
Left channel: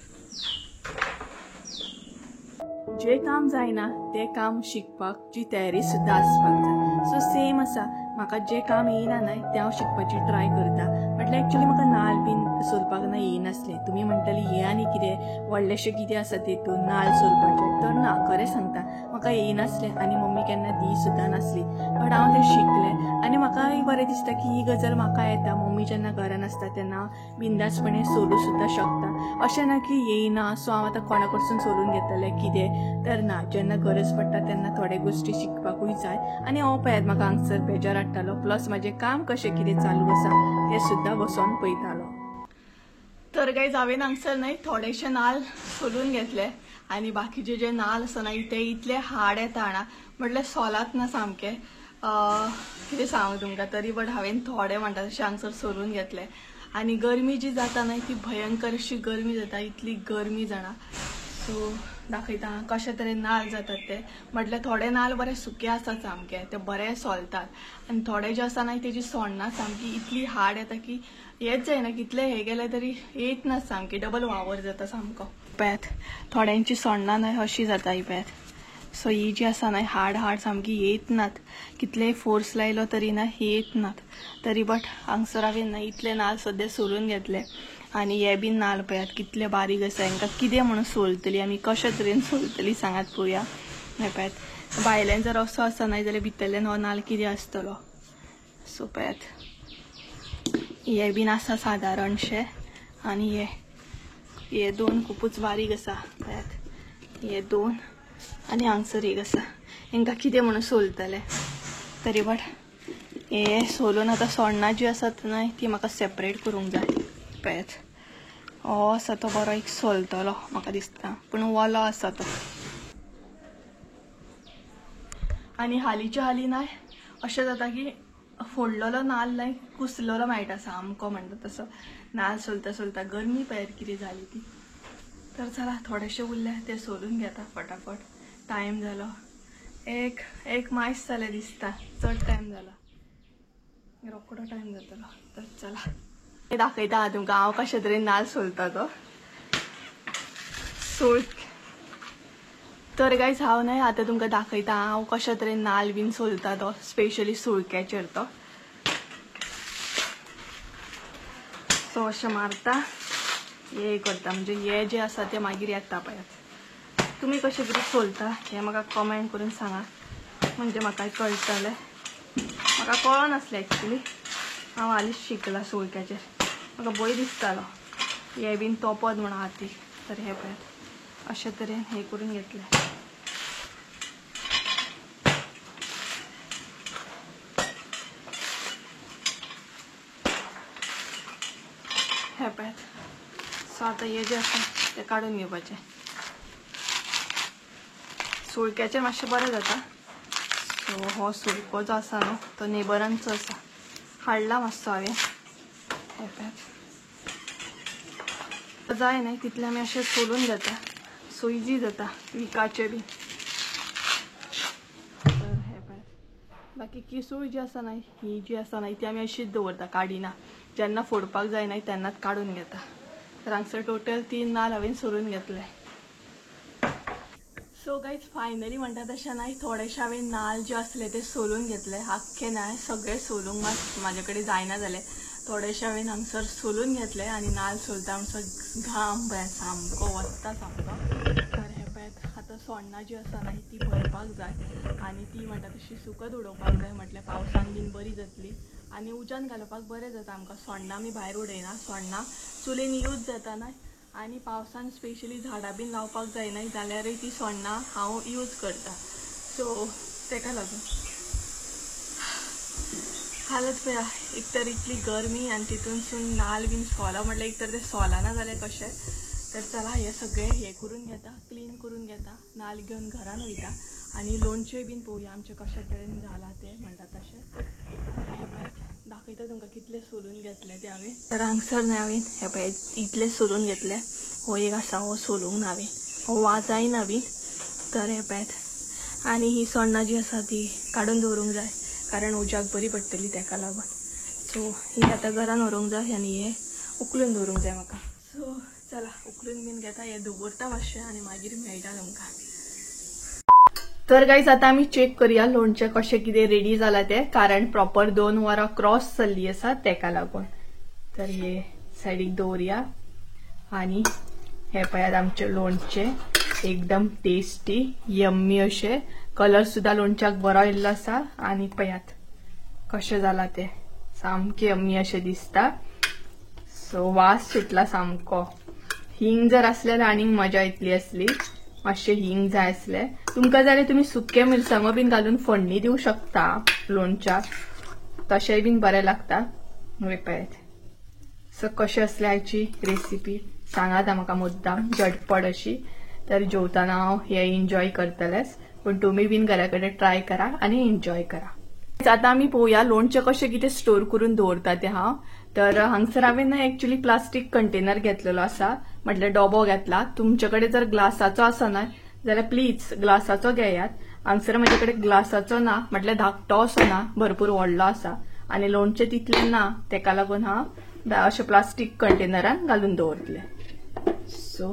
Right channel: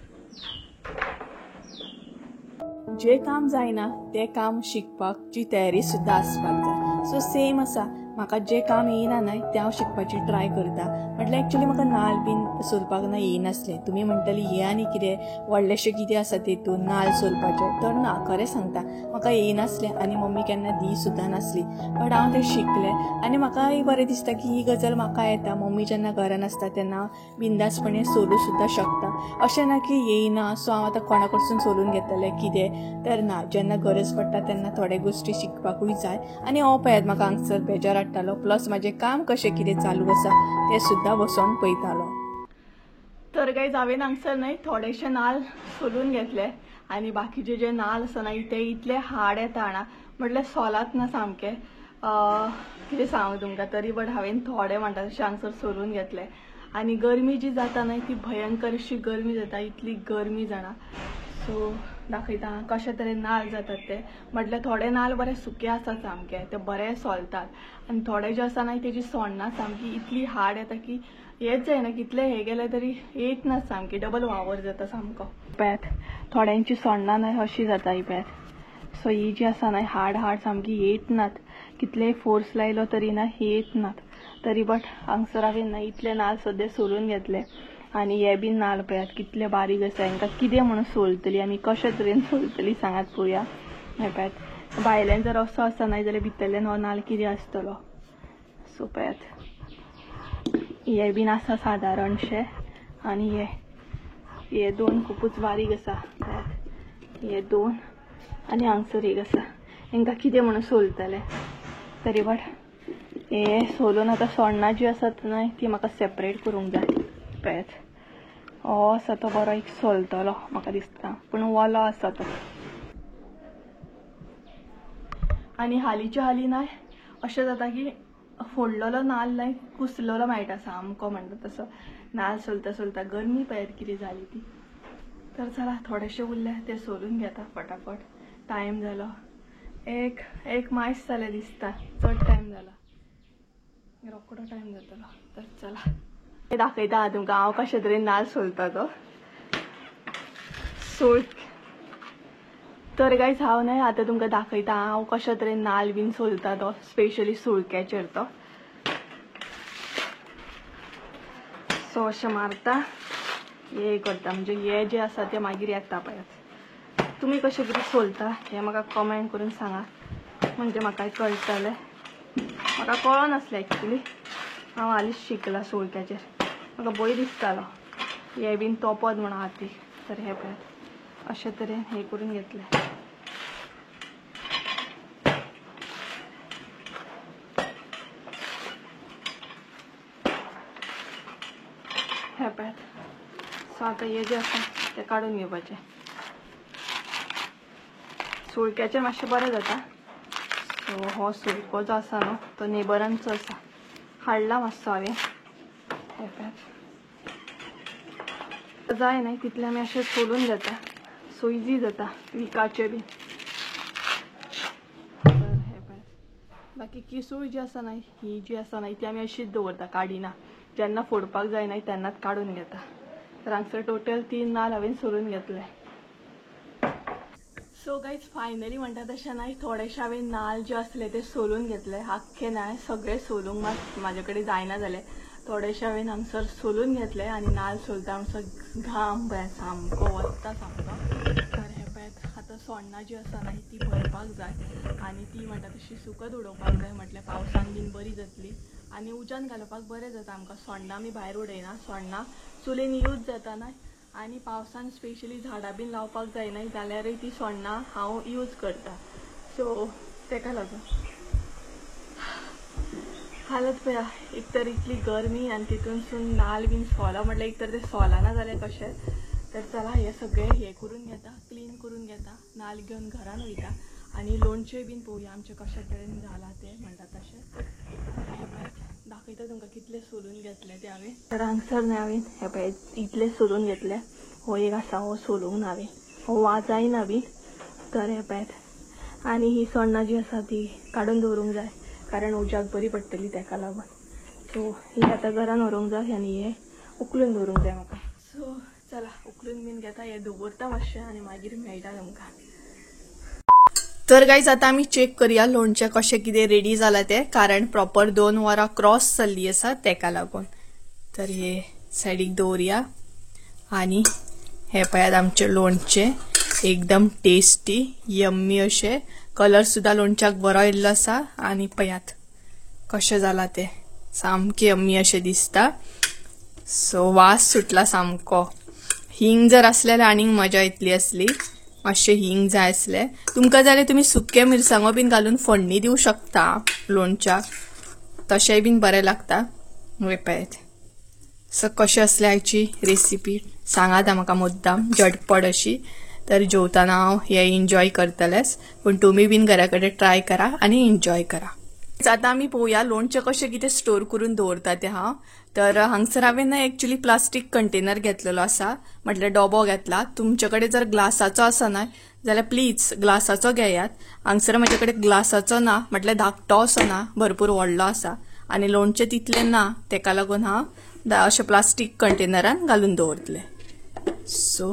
जे काम जायना ते काम शिकपाची तयारी सुद्धा आसपाक जाय. सो सेम आसा, म्हाका जे काम येयना न्हय ते हांव शिकपाची ट्राय करता. म्हटल्यार एक्चुअली म्हाका नाल्ल बीन सोलपाक न्हय येयनासलें. तुमी म्हणटली हे आनी कितें व्हडलेशें कितें आसा तेतून नाल्ल सोलपाचें, तर ना खरें सांगता म्हाका येयनासलें आनी मम्मी केन्ना दी सुद्धा नासली. बट हांव तें शिकलें आनी म्हाकाय बरें दिसता की ही गजाल म्हाका येता. मम्मी जेन्ना घरान आसता तेन्ना बिंदासपणे सोलूं सुद्धा शकता. अशें ना की येयना सो हांव आतां कोणा कडसून सोलून घेतलें कितें, तर ना. जेन्ना गरज पडटा तेन्ना थोडे गोश्टी शिकपाकूय जाय. आनी हो पळयात म्हाका हांगसर बेजार हाडटालो, प्लस म्हाजें काम कशें कितें चालू आसा तें सुद्धा बसोन पळयतालो. तर गायज हांवें हांगसर न्हय थोडेशे नाल्ल सोलून घेतले आनी बाकीचे जे नाल्ल आसा न्हय ते इतले हार्ड येता ना, म्हटल्यार सोलात ना सामके. कितें सांगू तुमकां तरी, बट हांवें थोडे म्हणटा तशें हांगसर सोलून घेतले. आनी गरमी जी जाता न्हय ती भयंकर अशी गरमी जाता, इतली गरमी जाणा. सो दाखयता कशे तरेन नाल्ल जातात ते. म्हटल्यार थोडे नाल्ल बरे सुके आसात सामके, ते बरे सोलतात, आनी थोडे जे आसा ना तेजी सोण्णां सामकी इतली हार्ड येता की हेच जायना, कितले हे गेले तरी येत ना, सामकी डबल वावर जाता सामको. पळयात थोड्यांची सोण्णां न्हय अशी जाता ही पळयात. सो ही जी आसा ना हार्ड सामकी येत नात, कितले फोर्स लायलो तरी ना येत नात. तरी बट हांगसर हांवें ना इतले नाल्ल सद्या सोलून घेतले. आणि हे बीन नाल्ल पळयात कितले बारीक आसा, हांकां कितें म्हणून सोलतली आमी, कशे तरेन सोलतली सांगात पळोवया. हे पळयात भायल्यान जर असो आसा न्हय जाल्यार भितरल्यान हो नाल्ल कितें आसतलो. सो पळयात हे बीन आसा सादारणशे, आनी हे दोन खूपच बारीक आसा पळयात, हे दोन आनी हांगसर एक आसा. हांकां कितें म्हणून सोलतले. तरी बट हे सोलून आतां सोण्णां जी आसात न्हय ती म्हाका सेपरेट करूंक जाय. पळयात हो आसा तो बरो एक सोलतलो म्हाका दिसता, पूण वलो आसा तो. आनी हालींच्या हालीं ना अशें जाता की फोडलेलो नाल्ल न्हय कुसलेलो मेळटा सामको, म्हणटा तसो. नाल्ल सोलता सोलता गरमी पळयात कितें जाली ती. तर चला थोडेशे उरले ते सोलून घेता फटाफट. टायम जालो एक मायस जालें दिसता, चड टायम जाला, रोकडो टायम जातलो. तर चला हे दाखयता तुमकां हांव कशे तरेन नाल्ल सोलता तो. तर गायज हांव न्हय आतां तुमकां दाखयता हांव कशे तरेन नाल्ल बीन सोलता तो, स्पेशली सुळक्याचेर तो. तो अशें मारता, हे करता, म्हणजे हे जे आसा ते मागीर येता पळयात. तुमी कशे तरी सोलता हें म्हाका कमेंट करून सांगा, म्हणजे म्हाकाय कळटलें. म्हाका कळनासलें एक्चुली, हांव हालींच शिकला सुळक्याचेर. म्हाका भंय दिसतालो हे बीन तोपत म्हणून हाती. तर हे पळयात अशे तरेन हे करून घेतले. हे पळयात. सो आतां हे जे आसा ते काडून घेवपाचे. सुळक्याचेर मातशें बरें जाता. सो हो सुळको जो आसा न्हू तो नेबरांचो आसा, हाडला मातसो हांवें. हे पळयात जाय न्हय तितले आमी अशें सोलून घेता, सो इजी जाता विकाचे बी. तर हे पळयात बाकी किसूळ जी आसा न्हय ही जी आसा न्हय ती आमी अशीच दवरता, काडिना. जेन्ना फोडपाक जाय न्हय तेन्नाच काडून घेता. तर हांगसर टोटल 3 नाल्ल हांवें सोलून घेतले. सो गायज फायनली म्हणटा तशें न्हय थोडेशे हांवें नाल्ल जे आसले ते सोलून घेतले. आख्खे न्हय सगळे सोलूंक म्हाजे कडेन जायना जाले. थोडेशे हांवें हांगसर सोलून घेतले आनी नाल्ल सोलता हांगसर घाम पळयात सामको वता सामको. तर हे पळयात आतां सोण्णां जी आसा न्हय ती भरपाक जाय आनी ती म्हणटा तशी सुकत उडोवपाक जाय, म्हटल्यार पावसान बीन बरी जातली आनी उज्यान घालपाक बरें जाता आमकां. सोण्णां आमी भायर उडयना, सोण्णां चुलीन यूज जाता न्हय, आनी पावसान स्पेशली झाडां बीन लावपाक जाय न्हय जाल्यारूय ती सोण्णां हांव यूज करता. सो तेका लागून हालत पळया, एक तर इतली गरमी आनी तितूनसून नाल्ल बीन सोला म्हटल्यार एक तर ते सोलाना जालें कशें. तर चला हे सगळे हे करून घेता, क्लीन करून घेता, नाल्ल घेवन घरान वयता आनी लोणचें बीन पळोवया आमचें कशें तरेन जाला ते म्हणटा तशें. दाखयता तुमकां कितले सोलून घेतले ते हांवें. तर हांगसर न्हय हांवें हे पळय इतले सोलून घेतले. हो एक आसा हो सोलूंक ना हांवें, हो वाजायना बी. तर हे पळयात आनी ही सोण्णां जी आसा ती काडून दवरूंक जाय, कारण उज्याक बरी पडटली तेका लागून. सो ही आतां घरान व्हरूंक जाय आनी हे उखलून दवरूंक जाय म्हाका. सो चला उखलून बीन घेता, हे दवरता मातशें आनी मागीर मेळटा तुमकां. तर गायज आतां आमी चेक करया लोणचें कशें कितें रेडी जालां तें, कारण प्रॉपर 2 वरां क्रॉस जाल्ली आसा तेका लागून. तर हे सायडीक दवरया आनी हे पळयात आमचें लोणचें एकदम टेस्टी यम्मी अशें. कलर सुद्दां लोणच्याक बरो येयल्लो आसा आनी पळयात कशें जालां तें, सामकें यम्मी अशें दिसता. सो वास सुटला सामको. हिंग जर आसलें जाल्यार आनीक मजा येतली आसली. मातशें हिंग जाय आसलें तुमकां जाल्यार तुमी सुके मिरसांगो बीन घालून फोडणी दिवं शकता लोणच्याक, तशेंय बीन बरें लागता. पळयात सो कशें आसलें हाची रेसिपी सांगात म्हाका मुद्दाम झटपट अशी. तर जेवताना हांव हे एन्जॉय करतलेंच, पूण तुमी बीन घरा कडेन ट्राय करा आनी एन्जॉय करा. आता आमी पळोवया लोणचें कशें कितें स्टोर करून दवरता तें हांव. तर हांगसर हांवें एक्चुअली प्लास्टीक कंटेनर घेतलेलो आसा, म्हटल्यार डबो घेतला. तुमचे कडेन जर ग्लासाचो आसना जाल्यार प्लीज ग्लासाचो घेयात. हांगसर म्हजे कडेन ग्लासाचो ना, म्हटल्यार धाकटो असो ना, भरपूर व्हडलो आसा आनी लोणचें तितलें ना, तेका लागून हांव अशें प्लास्टीक कंटेनरान घालून दवरतलें. सो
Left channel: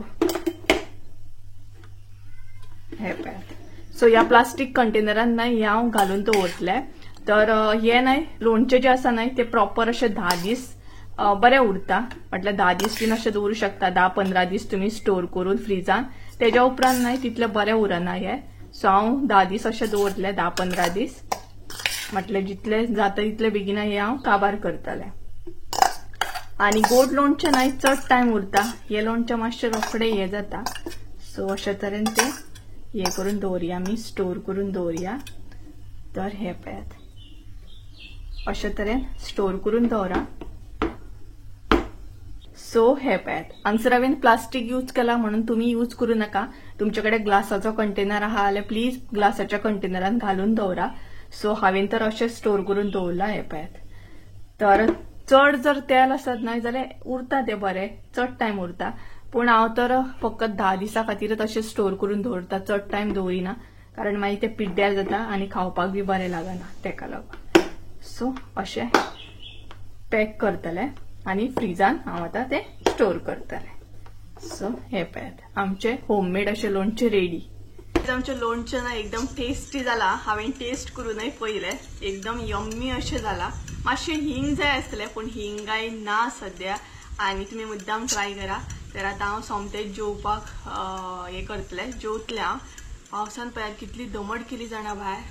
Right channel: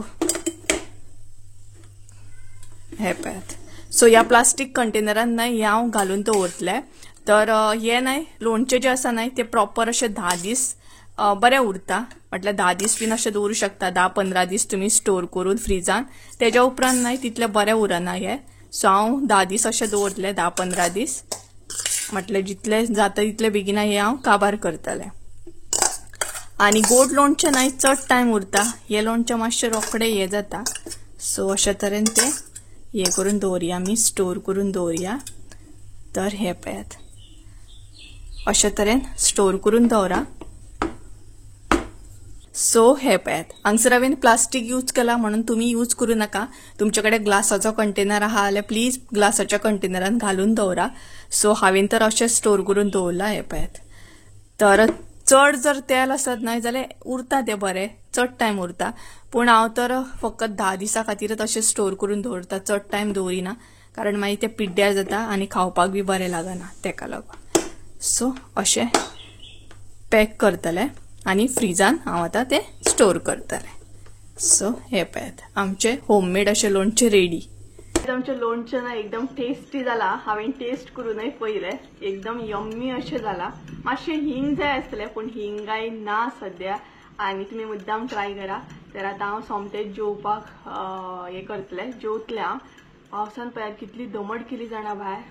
हे पळयात. सो ह्या प्लास्टीक कंटेनरान न्हय हे हांव घालून दवरतलें. तर हे न्हय लोणचें जें आसा न्हय तें प्रॉपर अशें 10 दीस बरें उरता, म्हटल्यार 10 दीस बीन अशें दवरूं शकता. 10-15 दीस तुमी स्टोर करून फ्रिजान. तेज्या उपरांत न्हय तितलें बरें उरना हे. सो हांव 10 दीस अशें दवरतलें, 10-15 दीस, म्हटल्यार जितलें जाता तितलें बेगिना हे हांव काबार करतलें. आनी गोड लोणचें न्हय चड टायम उरता, हे लोणचें मातशें रोखडें हे जाता. सो अशे तरेन तें हे करून दवरया आमी, स्टोर करून दवरया. तर हे पळयात अशे तरेन स्टोर करून दवरा. सो हे पळयात हांगसर हांवें प्लास्टीक यूज केला म्हणून तुमी यूज करूं नाका. तुमचे कडेन ग्लासाचो कंटेनर आहा जाल्यार प्लीज ग्लासाच्या कंटेनरान घालून दवरा. सो हांवें तर अशें स्टोर करून दवरला. हे पळयात. तर चड जर तेल आसत न्हय जाल्यार उरता तें बरें, चड टायम उरता. पूण हांव तर फकत 10 दिसां खातीरच अशें स्टोर करून दवरता, चड टायम दवरिना, कारण मागीर तें पिड्ड्यार जाता आनी खावपाक बी बरें लागना तेका लागून. सो अशें पॅक करतलें आनी फ्रिजान हांव आतां तें स्टोर करतलें. सो हे पळयात आमचें होममेड अशें लोणचें रेडी. आमचें लोणचें ना एकदम टेस्टी जाला. हांवें टेस्ट करूनय पळयलें, एकदम यम्मी अशें जाला. मातशें हिंग जाय आसलें पूण हिंगाय ना सद्या, आनी तुमी मुद्दाम ट्राय करा. तर आतां हांव सोमतें जेवपाक हें करतलें, जेवतलें हांव. पावसान पळयात कितली दमट केली जाणा भायर,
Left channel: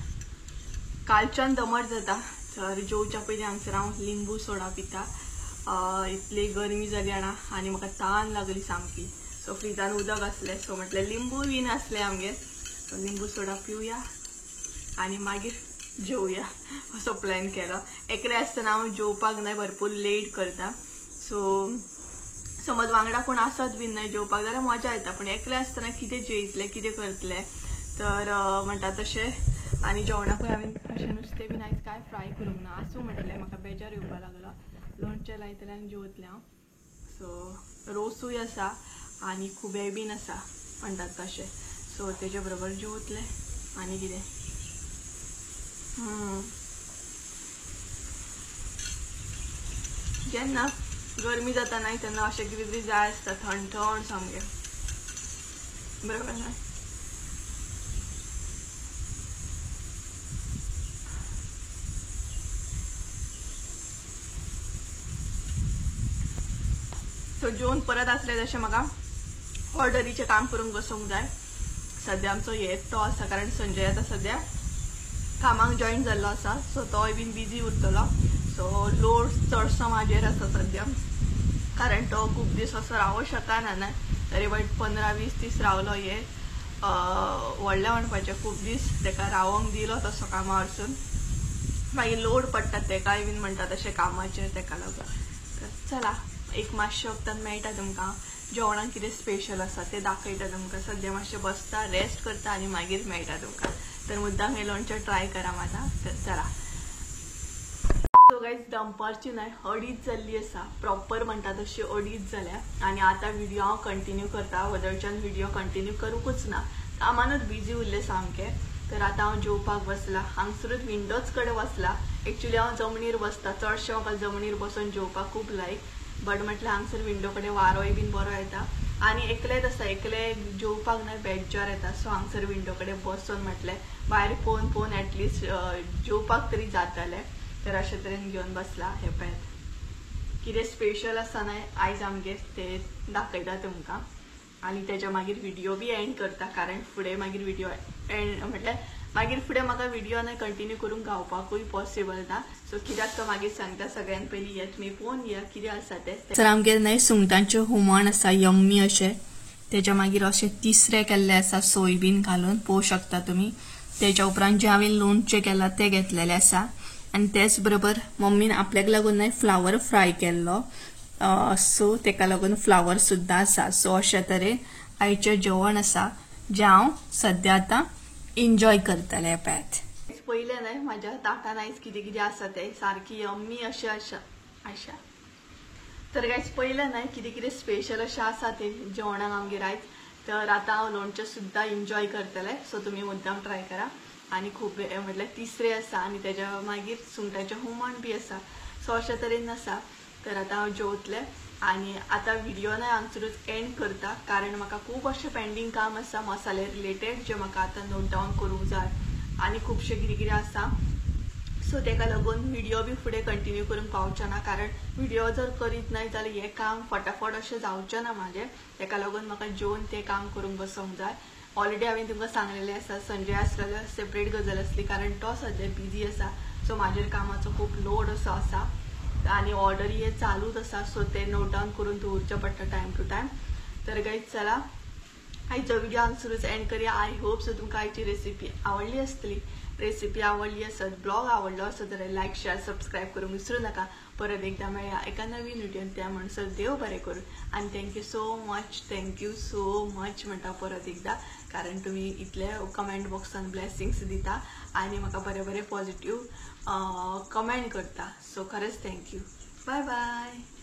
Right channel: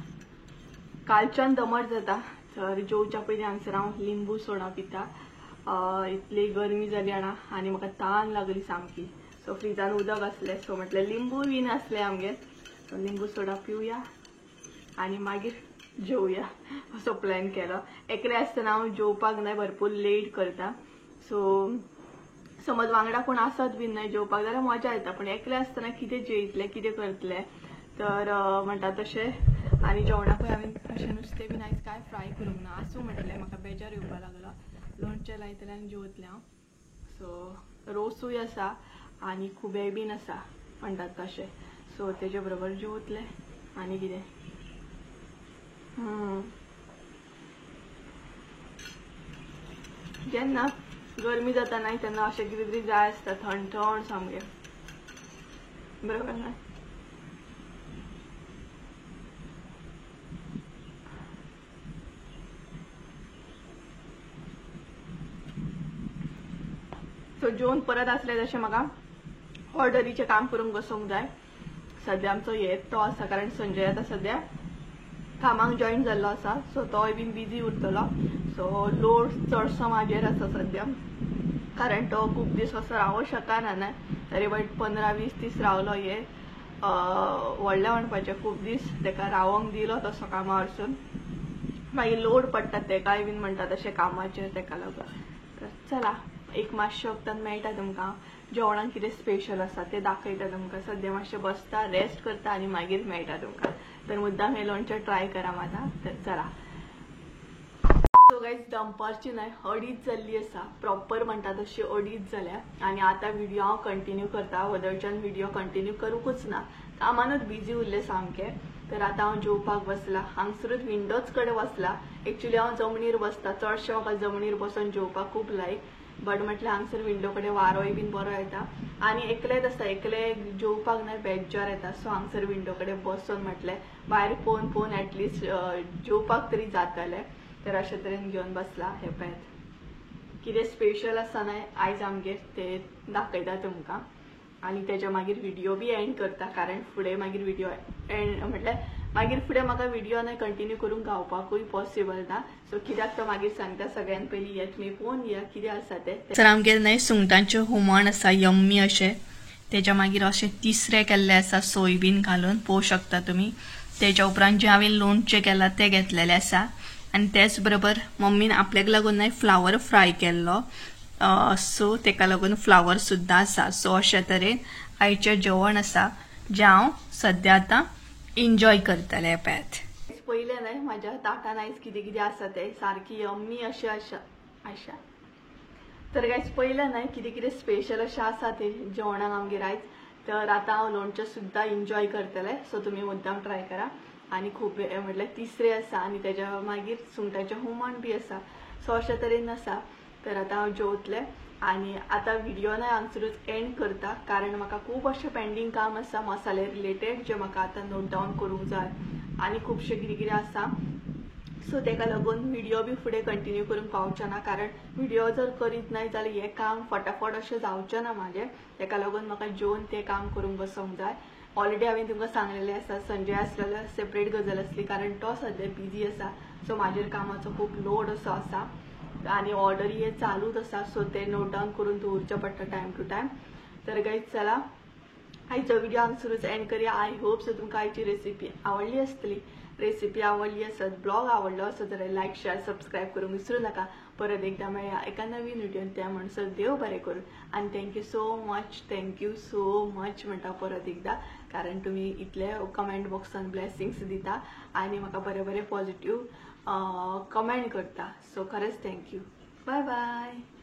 कालच्यान दमट जाता. तर जेवच्या पयलीं हांगसर हांव लिंबू सोडा पिता. इतली गरमी जाली जाणा आनी म्हाका तान लागली सामकी. सो फ्रिजान उदक आसलें, सो म्हटलें लिंबू बीन आसलें आमगेर, सो लिंबू सोडा पिवया आनी मागीर जेवया असो प्लॅन केलो. एकलें आसतना हांव जेवपाक न्हय भरपूर लेट करता. सो समज वांगडा कोण आसत बीन न्हय जेवपाक जाल्यार मजा येता, पूण एकलें आसतना कितें जेयतलें कितें करतलें. तर म्हणटा तशें. आनी जेवणाकूय हांवें अशें नुस्तें बीन आयज कांय फ्राय करूंक ना. आसूं म्हटलें, म्हाका बेजार येवपाक लागलो. लोणचें लायतलें आनी जेवतलें हांव. सो रोसूय आसा आनी खुबे बीन आसा म्हणटात तशें. सो तेजे बरोबर जेवतलें आनी कितें. जेन्ना गरमी जाता न्हय तेन्ना अशें कितें तरी जाय आसता, थंड थंड सामकें, बरोबर न्हय. सो जेवन परत आसलें तशें म्हाका ऑर्डरीचें काम करूंक बसूंक जाय. सद्या आमचो एकटो आसा, कारण संजय आतां सद्या कामाक जॉईन जाल्लो आसा. सो तोय बीन बिजी उरतलो. सो लोड चडसो म्हाजेर आसा सद्या, कारण तो खूब दीस असो रावूं शकना न्हय. तरी बट 15-20 दीस रावलो. हे व्हडलें म्हणपाचें खूब दीस ताका रावोंक दिलो तसो कामा वरसून. मागीर लोड पडटा तेकाय बीन म्हणटा तशें कामाचेर, तेका लागून. तर चला एक मातशें वक्तान मेळटा तुमकां. जेवणाक कितें स्पेशल आसा तें दाखयता तुमकां. सद्या मातशें बसता, रेस्ट करता आनी मागीर मेळटा तुमकां. तर मुद्दाम हे लोणचें ट्राय करा माता. तर चला. सो गायज दनपारची न्हय 2:30 जाल्ली आसा, प्रॉपर म्हणटा तशी 2:30 जाल्या. आनी आतां व्हिडिओ हांव कंटिन्यू करता, वदळच्यान व्हिडिओ कंटिन्यू करूंकूच ना, कामानूच बिजी उरलें सामकें. तर आतां हांव जेवपाक बसलां. हांगसरूच विंडोज कडेन बसलां. एक्चुली हांव जमनीर बसता, चडशें म्हाका जमनीर बसून जेवपाक खूब लायक. बट म्हटल्यार हांगसर विंडो कडेन वारोय बीन बरो येता आनी एकलेच आसा, एकलें जेवपाक न्हय बेजार येता. सो हांगसर विंडो कडेन बसून म्हटलें भायर पळोवन एटलिस्ट जेवपाक तरी जातलें. तर अशे तरेन घेवन बसला. हे पळयात कितें स्पेशल आसा न्हय आयज आमगेर तें दाखयता तुमकां. आनी तेच्या मागीर व्हिडिओ बी एंड करता, कारण फुडें मागीर व्हिडिओ एंड म्हटल्यार मागीर फुडें म्हाका व्हिडिओ न्हय कंटिन्यू करून गावपाकूय पॉसिबल ना. सो कित्याक तो मागीर सांगता सगळ्यान पयलीं हे तुमी पळोवन या कितें आसा तें. तर आमगेर न्हय सुंगटांचें हुमण आसा यम्मी अशें. तेच्या मागीर अशें तिसरें केल्लें आसा सोयबीन घालून, पळोवंक शकता तुमी. तेच्या उपरांत जें हांवें लोणचें केलां तें घेतलेलें आसा. आनी तेच बरोबर मम्मीन आपल्याक लागून न्हय फ्लावर फ्राय केल्लो. सो तेका लागून फ्लावर सुद्दां आसा. सो अशे तरेन आयचें जेवण आसा जें हांव सद्या आतां एन्जॉय करतलें. पळयात पहिले नाही माझ्या ताटान आयज कितें कितें आसा ते सारकी यम्मी अशें आशा तर गायज पहिले नाही कितें कितें स्पेशल अशें आसा ते जेवणाक आमगेर आयज तर आता हांव लोणचें सुद्दां एन्जॉय करतलें सो तुमी मुद्दाम ट्राय करा आणि खूब म्हटल्यार तिसरे आसा आणि त्याच्या मागीर सुंगटाचें हुमण बी आसा सो अशा तरेन आसा तर आता हांव जेवतलें आणि आता व्हिडिओ ना हांगसरूच एंड करता कारण म्हाका खूब अशें पेंडींग काम आसा मसाले रिलेटेड जे म्हाका आतां नोट डावन करूंक जाय आणि खुबशें कितें कितें आसा सो तेका लागून व्हिडिओ बी फुडें कंटिन्यू करूंक पावचें ना कारण व्हिडिओ जर करीत नाही जाल्यार हें काम फटाफट अशें जावचें ना म्हाजें तेका लागून म्हाका जेवन तें काम करूंक बसूंक जाय ऑलरेडी हांवें तुमकां सांगलेलें आसा संजय आसलेलो सेपरेट गजाल आसली कारण तो सद्या बिजी आसा सो म्हाजेर कामाचो खूब लोड असो आसा आणि ऑर्डरी हे चालूच आसा सो ते नोट डावन करून दवरचें पडटा टायम टू टायम तर गायज चला आयचो व्हिडिओ हांगसरूच एंड करूया आय होप सो तुमकां आयची रेसिपी आवडली आसतली रेसिपी आवडली आसत ब्लॉग आवडलो आसत जाल्यार लायक शेअर सबस्क्राईब करूंक विसरू नका परत एकदा मेळया एका नवीन व्हिडिओन त्या म्हणसर देव बरें करून आणि थँक्यू सो मच म्हणटा परत एकदा कारण तुम्ही इतले कमेंट बॉक्सान ब्लेसिंग्स दिता आणि म्हाका बरे बरे पॉझिटिव्ह कमेंट करता सो खरेंच थँक्यू बाय बाय.